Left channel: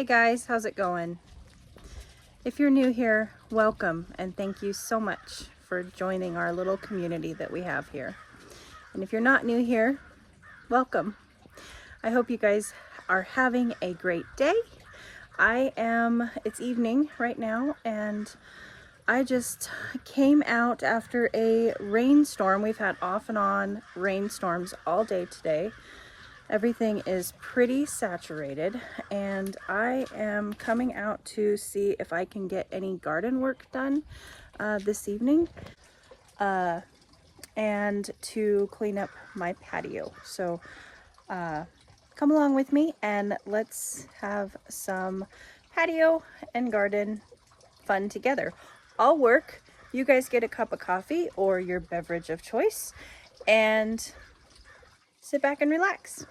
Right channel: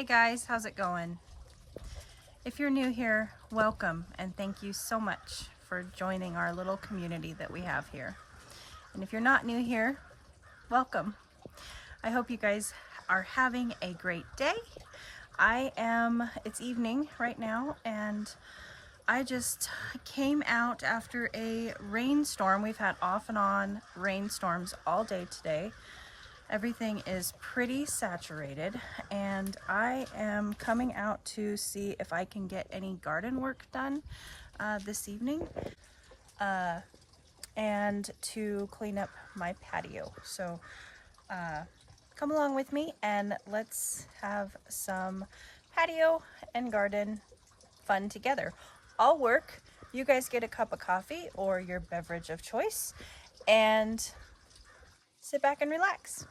Hey guys, how's it going? If you're new here, welcome and thank you so much for joining our little community that we have here. And if you're not new here, welcome. I hope you guys are having a great day. It's evening right now, and I just came out after a rainstorm. We've had off and on rainstorms all day today. Everything is pretty saturated, and I am coming out to see if I can get any garden work done this evening and to clean up my patio. So come along with me and let's have some patio and garden fun together. I'll work, you guys get a cup of coffee or your beverage of choice and sit back and relax.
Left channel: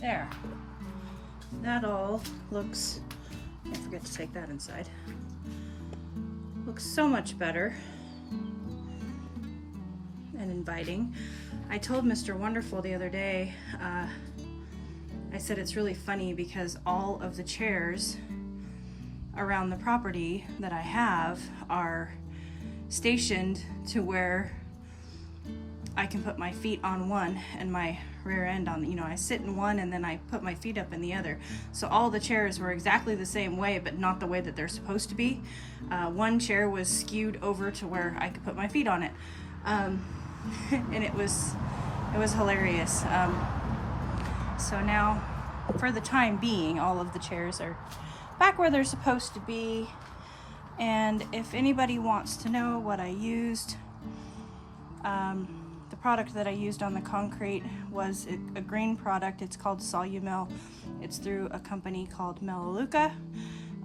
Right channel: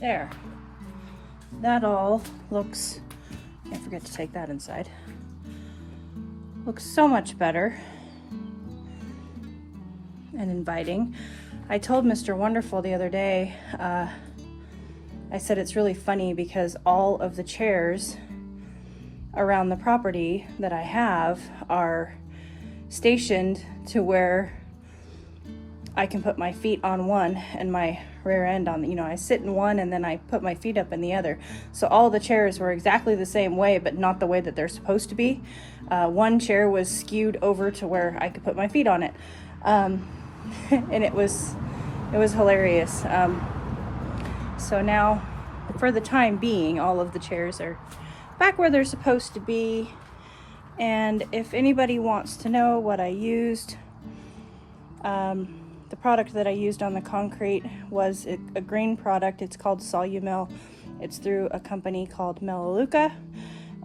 There. That all looks, I forget to take that inside. Looks so much better and inviting. I told Mr. Wonderful the other day, I said it's really funny because all of the chairs around the property that I have are stationed to where I can put my feet on one and my rear end on, I sit in one and then I put my feet up in the other. So all the chairs were exactly the same way, but not the way that they're supposed to be. One chair was skewed over to where I could put my feet on it. And it was hilarious. So now, for the time being, all of the chairs are back where they're supposed to be. And if anybody wants to know what I used, the product that I used on the concrete was a green product. It's called Solumel. It's through a company called Melaleuca.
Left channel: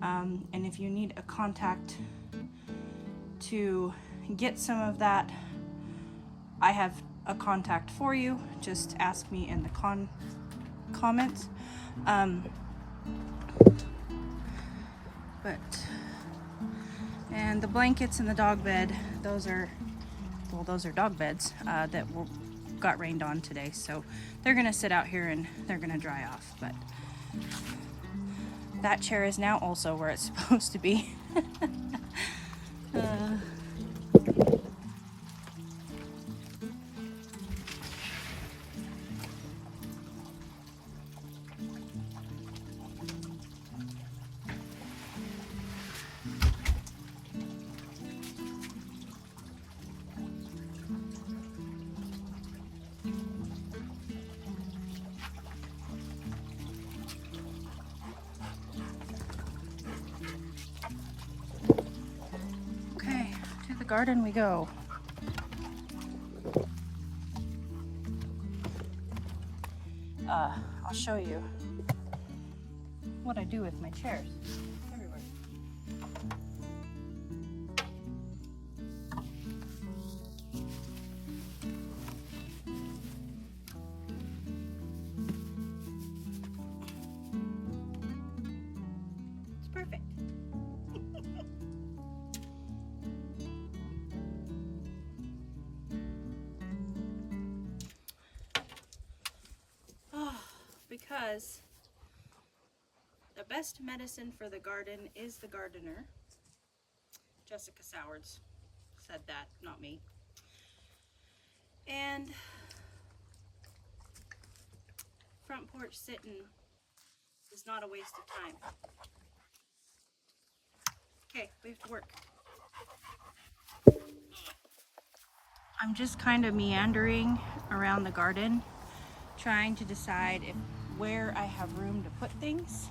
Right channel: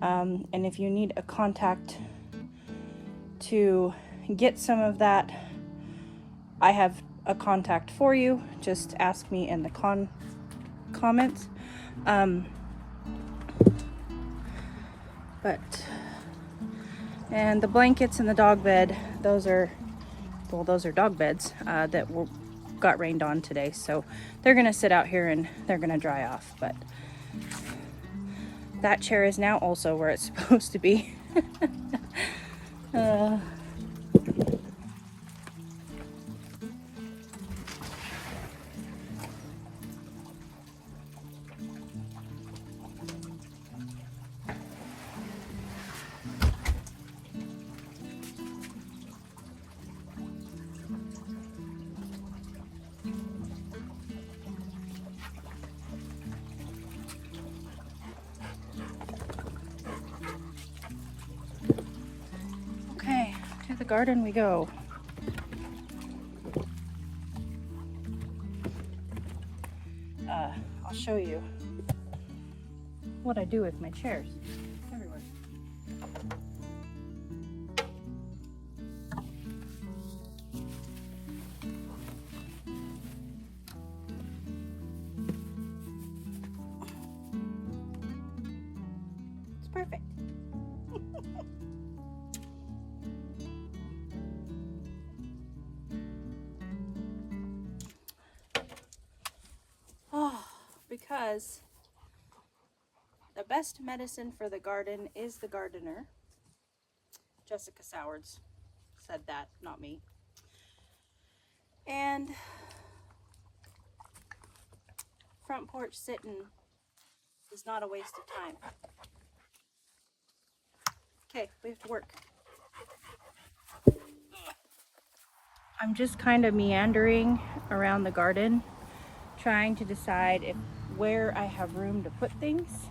And if you need a contact to get some of that, I have a contact for you. Just ask me in the comments. And the blankets and the dog bed, those are dog beds that got rained on today. So they're gonna sit out here and they're gonna dry off. But that chair is now also where it's supposed to be. Okay, to the garden we go. I'll show you what I do with my chairs. Everywhere. It's perfect. Because the best medicine for the garden is the gardener. Jessica Sowards said that, not me. And front porch sitting is not a waste of time. Okay, we have to work. I'm just kind of meandering around the garden, trying to decide where I have room to put things.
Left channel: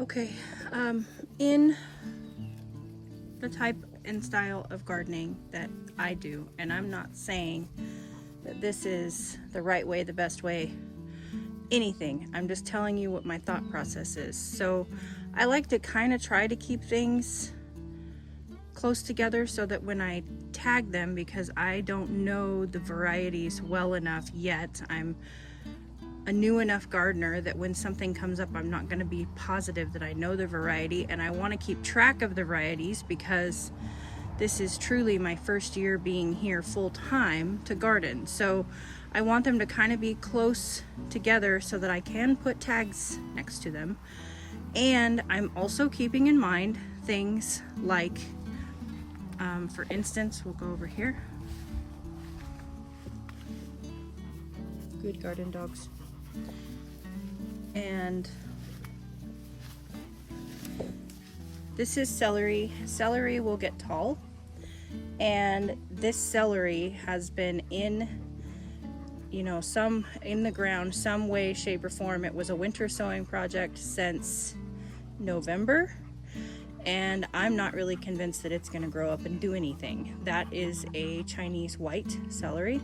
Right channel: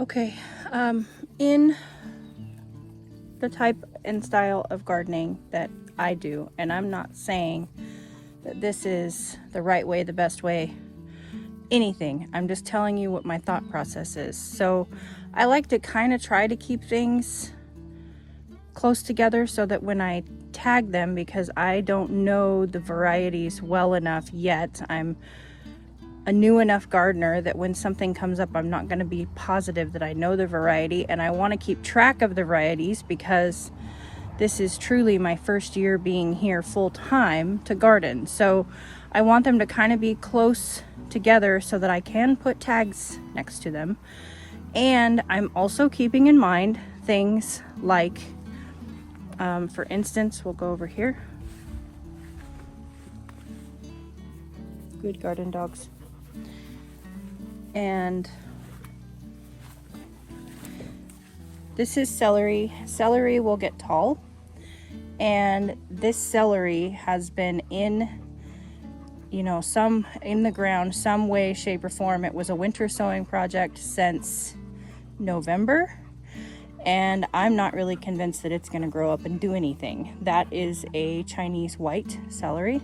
Okay, in the type and style of gardening that I do, and I'm not saying that this is the right way, the best way, anything. I'm just telling you what my thought process is. So I like to kind of try to keep things close together so that when I tag them, because I don't know the varieties well enough yet, I'm a new enough gardener that when something comes up, I'm not going to be positive that I know the variety, and I want to keep track of the varieties because this is truly my first year being here full time to garden. So I want them to kind of be close together so that I can put tags next to them. And I'm also keeping in mind things like, for instance, we'll go over here. Good garden dogs. And this is celery. Celery will get tall, and this celery has been in, you know, some in the ground, some way, shape, or form. It was a winter sowing project since November, and I'm not really convinced that it's going to grow up and do anything. That is a Chinese white celery.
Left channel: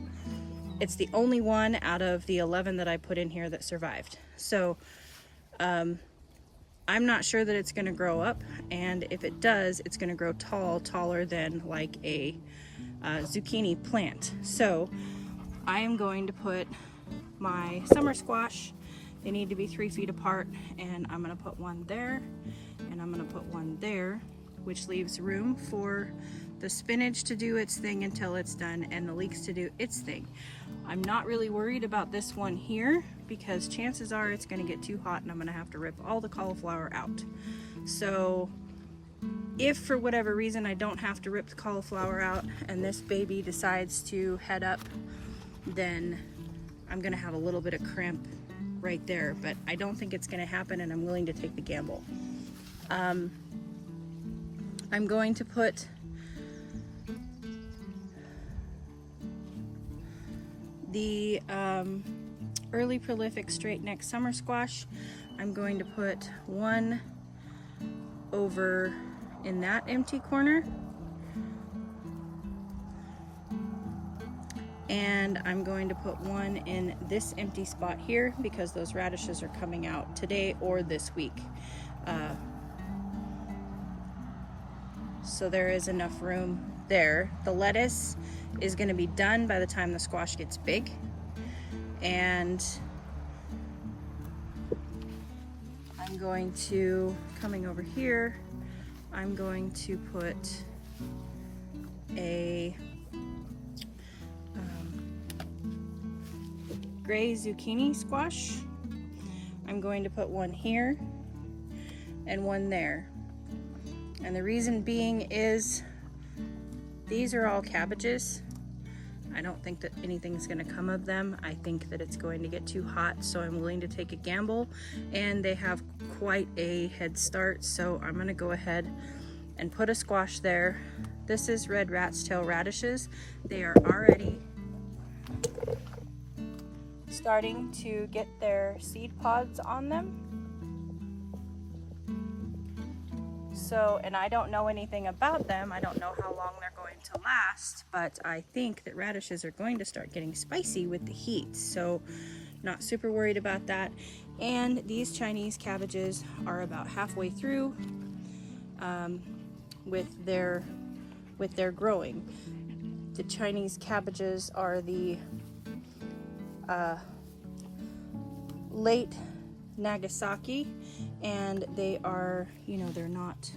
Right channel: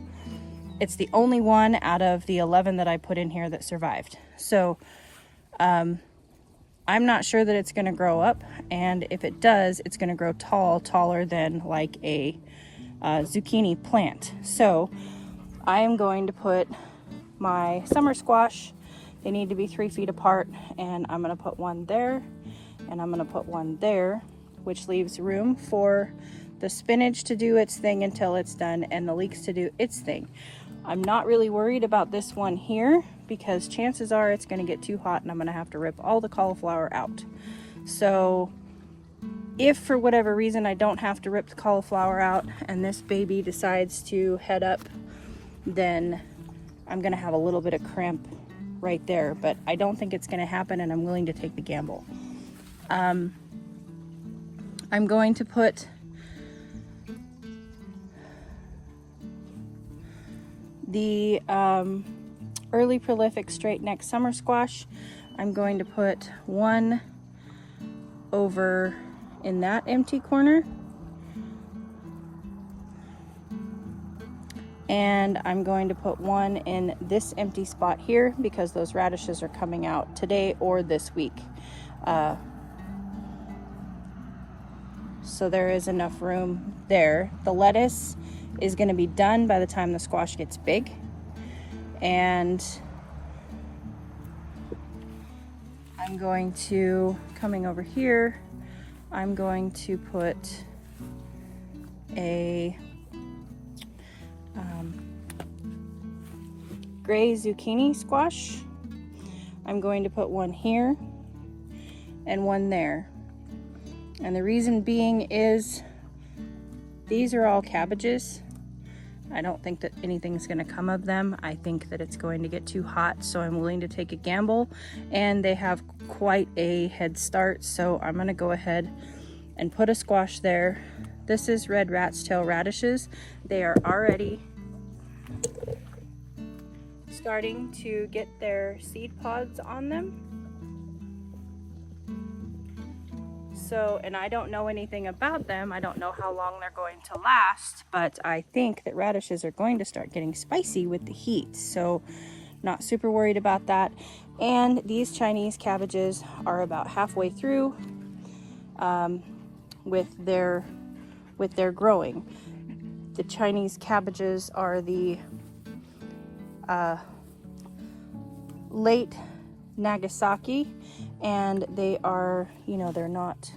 It's the only one out of the 11 that I put in here that survived. So I'm not sure that it's going to grow up, and if it does, it's going to grow tall, taller than like a zucchini plant. So I am going to put my summer squash, they need to be 3 feet apart, and I'm going to put one there, and I'm going to put one there, which leaves room for the spinach to do its thing until it's done, and the leeks to do its thing. I'm not really worried about this one here because chances are it's going to get too hot and I'm going to have to rip all the cauliflower out. So if for whatever reason I don't have to rip the cauliflower out and this baby decides to head up, then I'm going to have a little bit of cramp right there, but I don't think it's going to happen, and I'm willing to take the gamble. I'm going to put the early prolific straight neck summer squash. I'm going to put one over in that empty corner, and I'm going to put one in this empty spot here because those radishes are coming out today or this week. So there is enough room there. The lettuce is going to be done by the time the squash gets big, and I'm going to, coming over here, I'm going to put a gray zucchini squash. I'm going to put one here and one there, and the reason being is these are all cabbages. I don't think that anything's going to come of them. I think that it's going to get too hot, so I'm willing to take a gamble, and they have quite a head start, so I'm going to go ahead and put a squash there. This is red rat's tail radishes. They are already starting to get their seed pods on them. So, and I don't know anything about them. I don't know how long they're going to last, but I think that radishes are going to start getting spicy with the heat. So not super worried about that. And these Chinese cabbages are about halfway through with their growing. The Chinese cabbages are the late Nagasaki, and they are, you know, they're not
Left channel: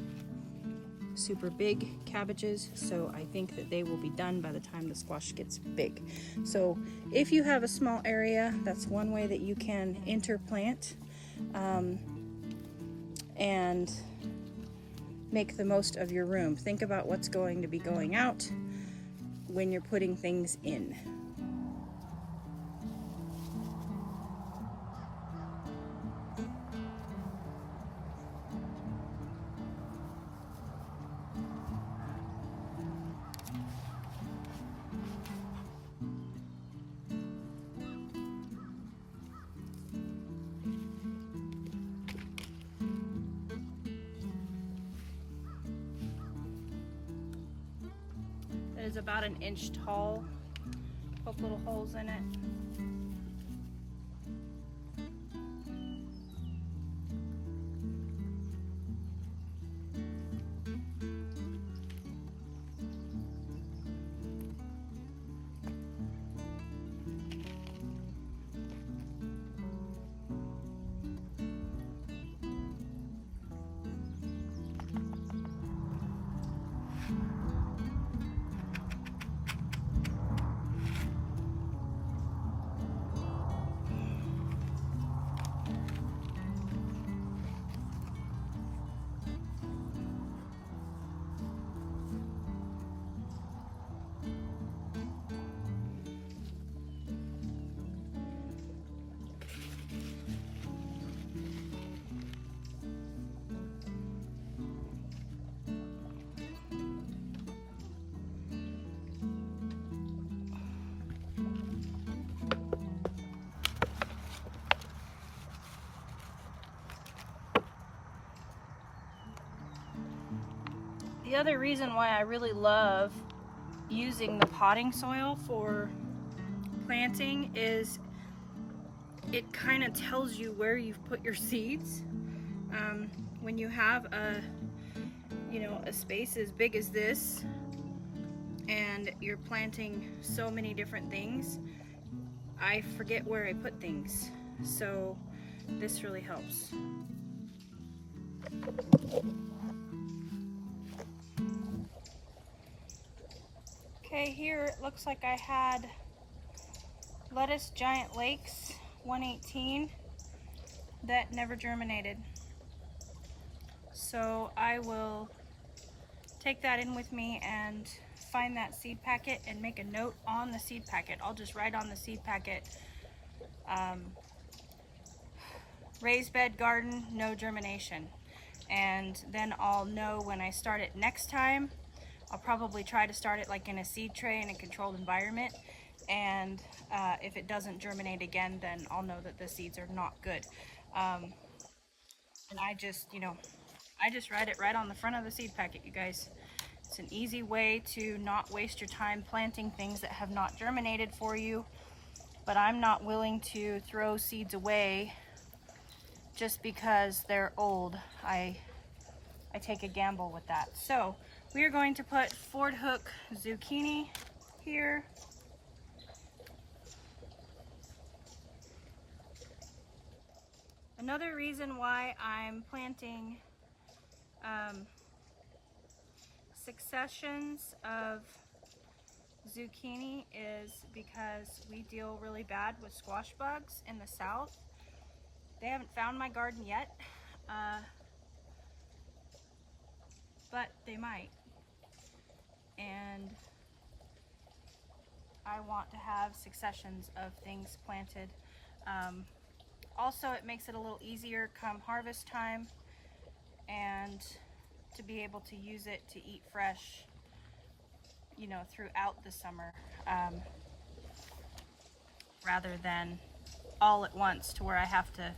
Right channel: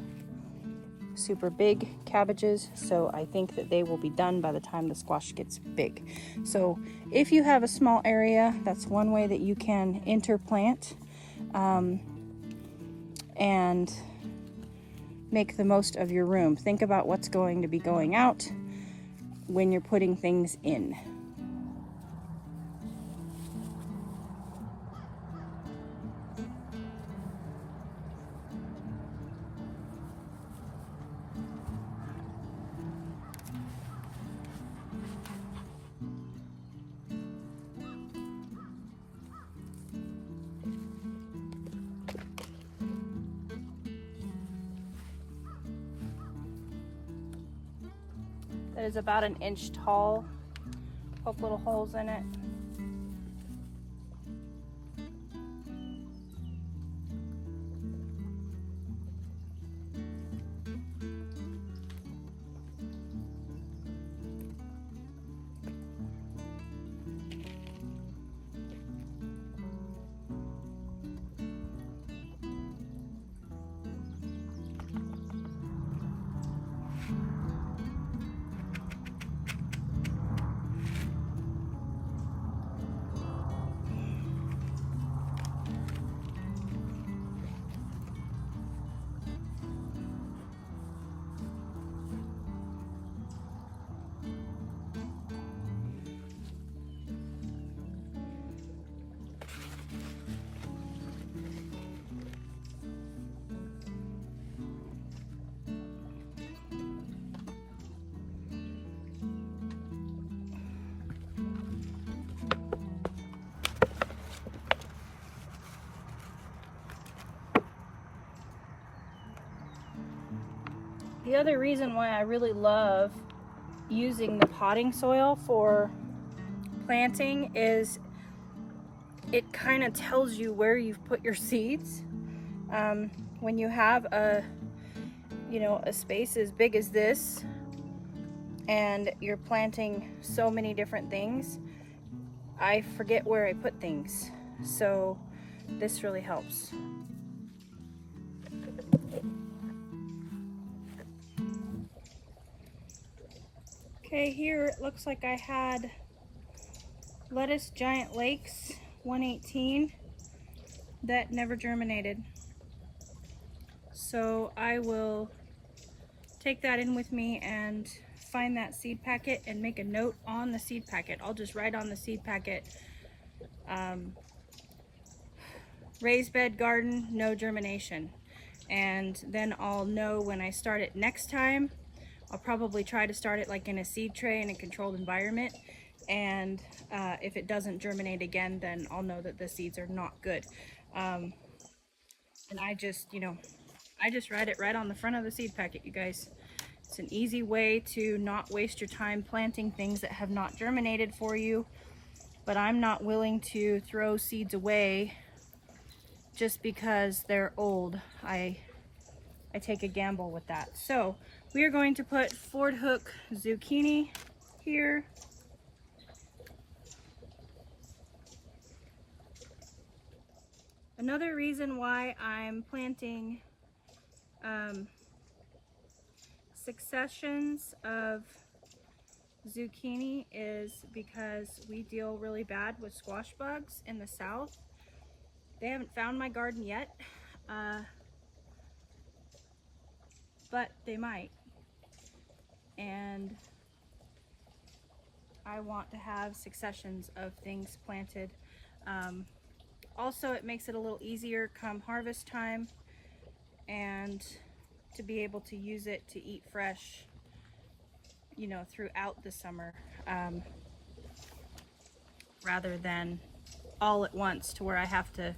super big cabbages, so I think that they will be done by the time the squash gets big. So if you have a small area, that's one way that you can interplant and make the most of your room. Think about what's going to be going out when you're putting things in. It is about an inch tall. Poke little holes in it. The other reason why I really love using the potting soil for planting is it kind of tells you where you've put your seeds. When you have a space as big as this and you're planting so many different things, I forget where I put things. So this really helps. Okay, here it looks like I had lettuce giant lakes 118 that never germinated. So I will take that in with me and find that seed packet and make a note on the seed packet. I'll just write on the seed packet, raised bed garden, no germination. And then I'll know when I start it next time. I'll probably try to start it like in a seed tray in a controlled environment. And if it doesn't germinate again, then I'll know that the seeds are not good. And I just write it right on the front of the seed packet, you guys. It's an easy way to not waste your time planting things that have not germinated for you. But I'm not willing to throw seeds away just because they're old. I take a gamble with that. So we are going to put Ford Hook zucchini here. Another reason why I'm planting successions of zucchini is because we deal really bad with squash bugs in the south. They haven't found my garden yet, but they might. And I want to have successions of things planted. Also, it makes it a little easier come harvest time and to be able to use it to eat fresh, throughout the summer, rather than all at once to where I have to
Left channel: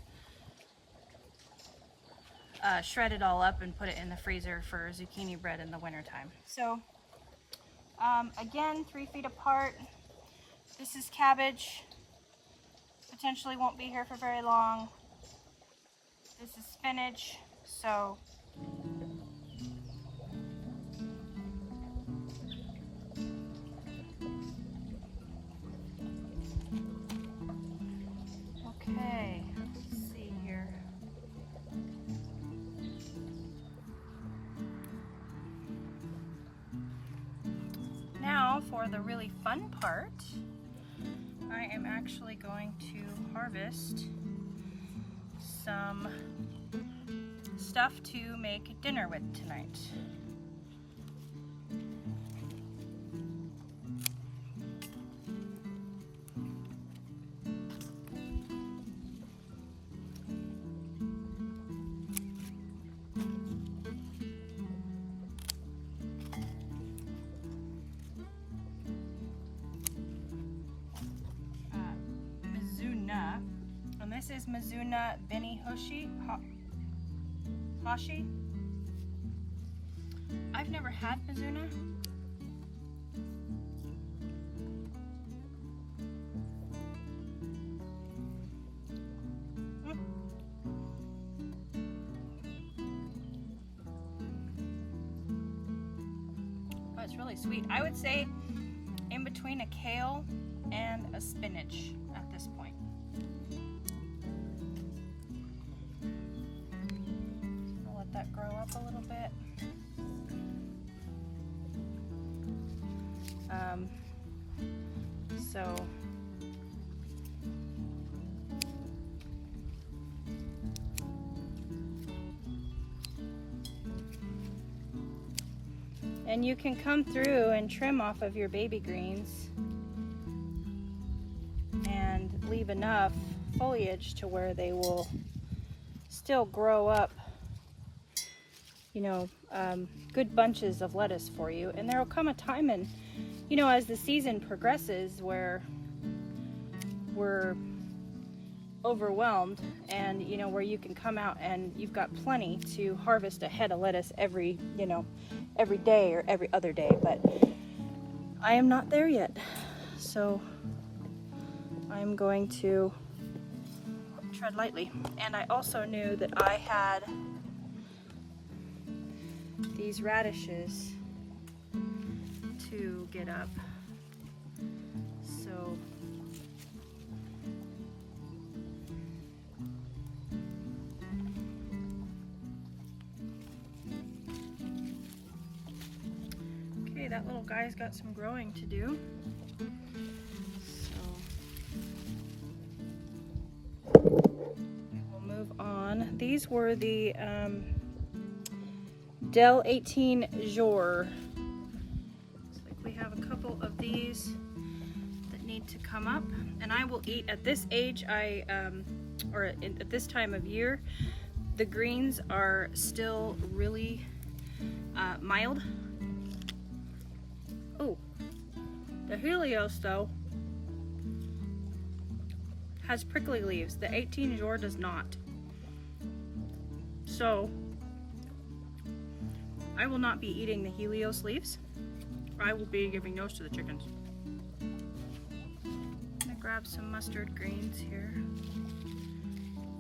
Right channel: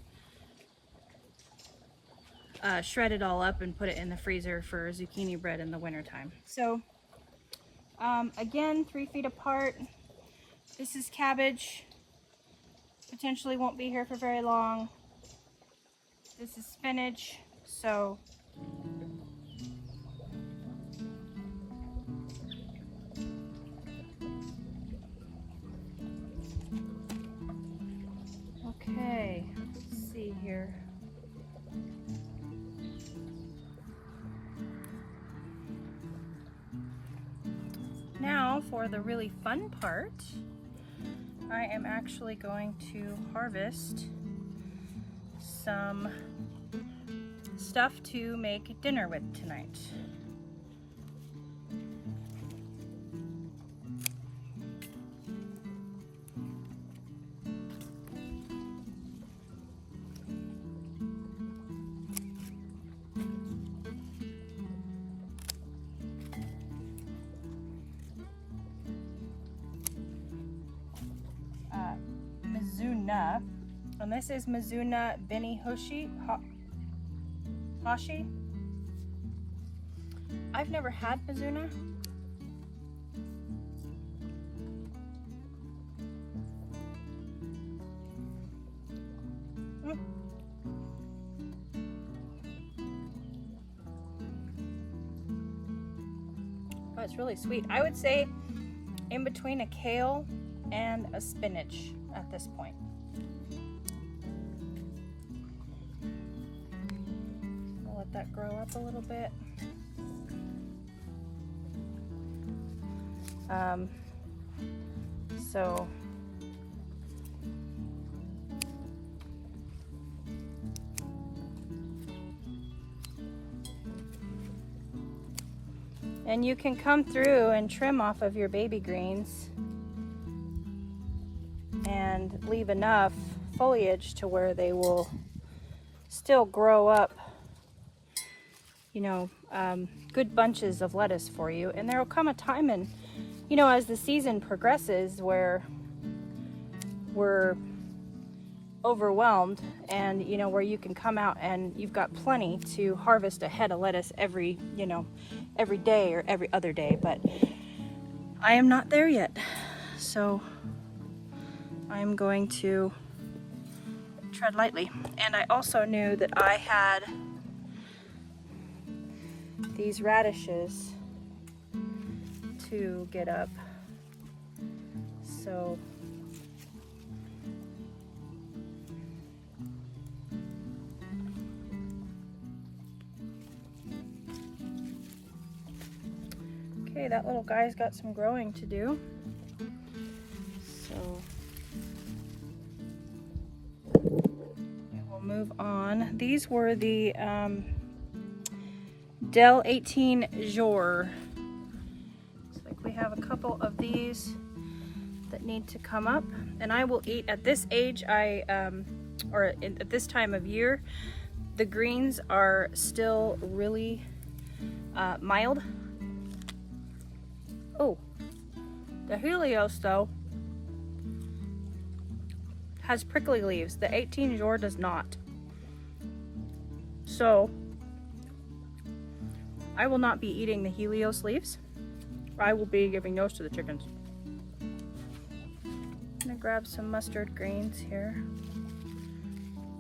shred it all up and put it in the freezer for zucchini bread in the wintertime. So again, 3 feet apart. This is cabbage. Potentially won't be here for very long. This is spinach. So okay, let's see here. Now for the really fun part, I am actually going to harvest some stuff to make dinner with tonight. And this is Mizuna Beni Hashi. I've never had Mizuna. Oh, it's really sweet. I would say in between a kale and a spinach at this point. That grow up a little bit. So and you can come through and trim off of your baby greens and leave enough foliage to where they will still grow up, good bunches of lettuce for you. And there will come a time in, as the season progresses, where we're overwhelmed, and you know, where you can come out and you've got plenty to harvest a head of lettuce every, you know, every day or every other day. But I am not there yet, so I'm going to tread lightly. And I also knew that I had these radishes to get up, so okay, that little guy's got some growing to do. So we'll move on. These were the Del 18 Jour. Looks like we have a couple of these that need to come up, and I will eat at this age. At this time of year, the greens are still really mild. Oh, the Helios though has prickly leaves. The 18 Jour does not. So I will not be eating the Helios leaves. I will be giving those to the chickens. I'm gonna grab some mustard greens here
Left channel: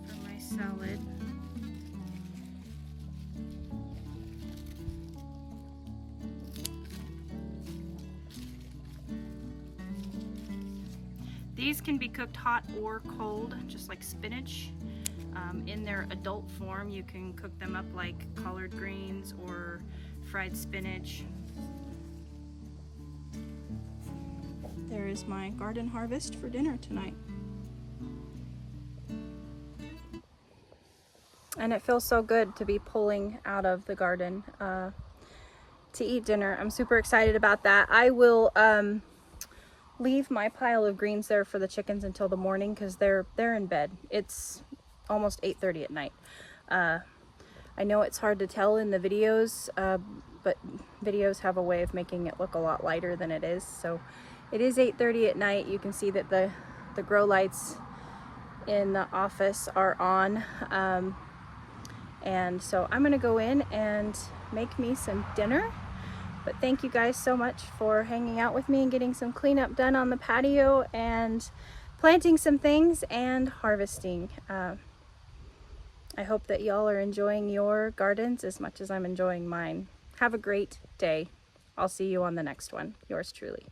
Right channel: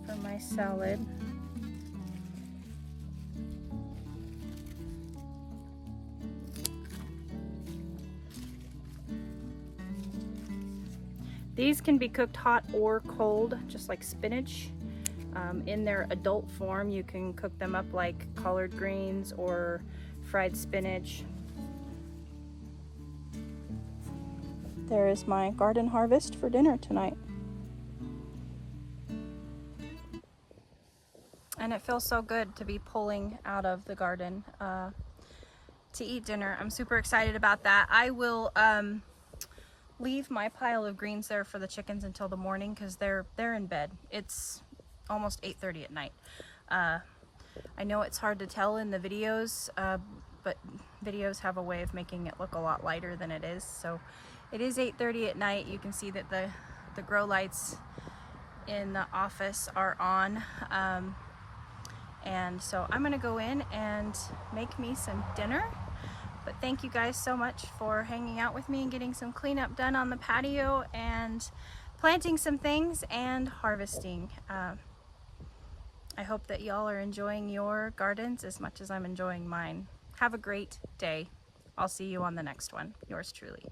for my salad. These can be cooked hot or cold, just like spinach. In their adult form, you can cook them up like collard greens or fried spinach. There is my garden harvest for dinner tonight. And it feels so good to be pulling out of the garden to eat dinner. I'm super excited about that. I will leave my pile of greens there for the chickens until the morning because they're in bed. It's almost 8:30 at night. I know it's hard to tell in the videos, but videos have a way of making it look a lot lighter than it is. So it is 8:30 at night. You can see that the grow lights in the office are on. And so I'm gonna go in and make me some dinner. But thank you guys so much for hanging out with me and getting some cleanup done on the patio and planting some things and harvesting. I hope that y'all are enjoying your gardens as much as I'm enjoying mine. Have a great day. I'll see you on the next one. Yours truly.